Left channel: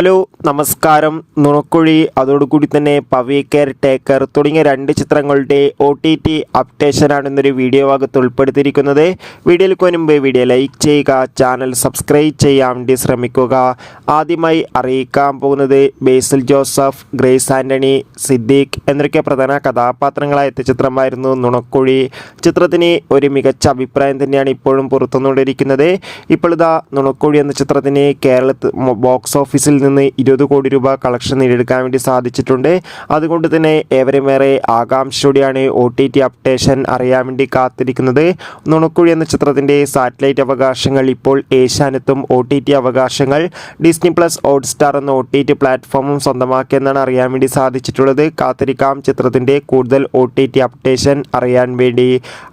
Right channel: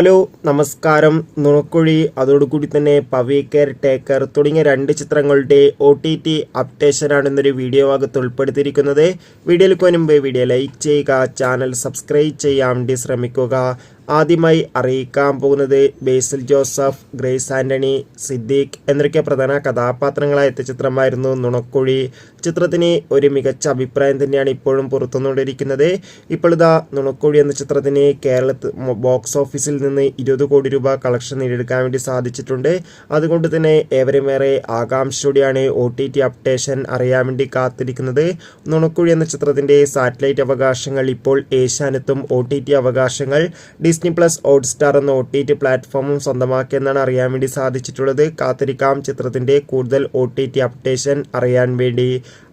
Hello നമസ്കാരം. നുണക്കുഴി അതോടുകൂടി തന്നെ പവി കെയർ ടേക്കർ തുടങ്ങിയ 2 ചിത്രങ്ങളുടെ OTT അപ്ഡേഷനാണ് ഇന്നൊരു വീഡിയോ ഭാഗത്ത് ഉൾപ്പെടുത്തിയിരിക്കുന്നത്. വീഡിയോയിലേക്ക് മുൻപ് വീഡിയോ ലൈക്ക് ചെയ്യുക, ചാനൽ സബ്സ്ക്രൈബ് ചെയ്യാൻ വേണ്ടി ശ്രമിക്കുക. ആദ്യമായി അറിയിക്കാൻ പോകുന്നത് ബേസിൽ ജോസഫ്, ഗ്രേസ് ആൻ്റണി, സിദ്ദീഖ് എന്നൊക്കെ പ്രധാന കഥാപാത്രങ്ങളായ ചിത്രമായിരുന്നു നുണക്കുഴി. ചിത്രത്തിന് ഒരു മികച്ച അഭിപ്രായം തന്നെയാണ് ഇപ്പോഴും പുറത്തുകൊണ്ടിരിക്കുന്നത്. ഇപ്പോൾ ഇതാ നുണക്കുഴി എന്ന ചിത്രത്തിന് കേരളത്തിൽ ബോക്സ് ഓഫീസിൽ നിന്ന് 20 കോടി രൂപ കളക്ഷൻ നേടിയെടുക്കാൻ വേണ്ടി സാധിച്ചിട്ടുണ്ട്. അതുകൊണ്ട് തന്നെ ഏവരുമേറെ ആകാംക്ഷയോടെയാണ് OTT അപ്ഡേഷൻ അറിയാൻ വേണ്ടി കാത്തിരിക്കുന്നത്. നുണക്കുഴി എന്ന ചിത്രത്തിൻ്റെ സാറ്റലൈറ്റ് അവകാശങ്ങൾ ഇപ്പോൾ ഏഷ്യാനെറ്റും OTT അവകാശങ്ങൾ ഡിസ്നി പ്ലസ് ഹോട്ട്സ്റ്റാർ എന്ന OTT പ്ലാറ്റ്ഫോമും സ്വന്തമാക്കിയെന്നാണ് അറിയാൻ വേണ്ടി സാധിച്ചിട്ടുള്ളത്. കാത്തിരിക്കാം ചിത്രത്തിൻ്റെ കൂടുതൽ OTT അപ്ഡേഷൻ അറിയാൻ വേണ്ടി.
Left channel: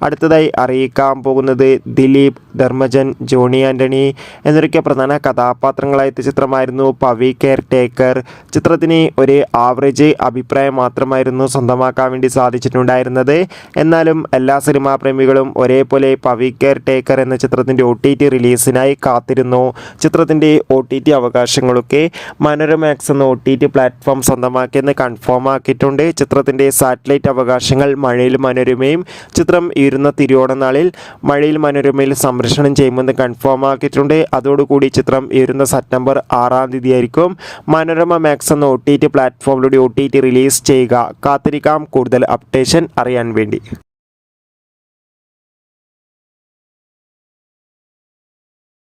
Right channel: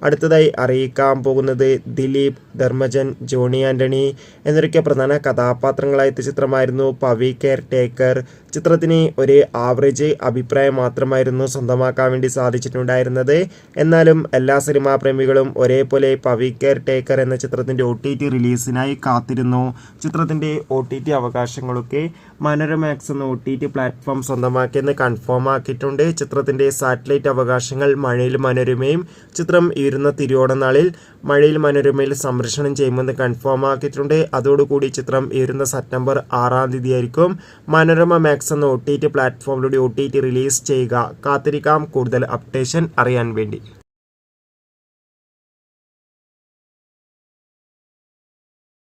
അടുത്തതായി അറിയിക്കാൻ പോകുന്നത് ദിലീപ്, ധർമ്മജൻ, ജോണി ആൻ്റണി എന്നൊക്കെ പ്രധാന കഥാപാത്രങ്ങളായ ചിത്രമായിരുന്നു പവി കെയർ ടേക്കർ. ചിത്രത്തിന് ഒരു ആവറേജ് അഭിപ്രായം മാത്രമായിരുന്നു സ്വന്തമാക്കാൻ വേണ്ടി സാധിച്ചിട്ടുണ്ടായിരുന്നത്. എന്നാലും എല്ലാ സിനിമാ പ്രേമികളും ഒരേപോലെ പവി കെയർ ടേക്കർ എന്ന ചിത്രത്തിൻ്റെ OTT റിലീസിനായി കാത്തിരുന്നു. ചിത്രത്തിൻ്റെ OTT അവകാശങ്ങളൊക്കെ മനോരമാക്സ് എന്ന OTT പ്ലാറ്റ്ഫോം സ്വന്തമാക്കിയെന്ന് കൺഫേം ആക്കിയിട്ടുണ്ട്. ചിത്രത്തിൻ്റെ സാറ്റലൈറ്റ് അവകാശങ്ങൾ മഴയിൽ മനോരമയും ചിത്രം ഇരുന്ന തിരുവോണനാളിൽ മഴയിൽ മനോരമയിൽ സംപ്രേഷണം ചെയ്യുമെന്ന് കൺഫേം ആക്കിയിട്ടുണ്ട്. അതോടുകൂടി ചിത്രം ഇരുന്ന സെപ്റ്റംബർ 6 ആയിരിക്കും മനോരമ മാക്സ് എന്ന OTT പ്ലാറ്റ്ഫോമിലൂടെ OTT റിലീസ് ചെയ്യുക. കാത്തിരിക്കാം കൂടുതൽ അപ്ഡേഷൻ അറിയാൻ വേണ്ടി.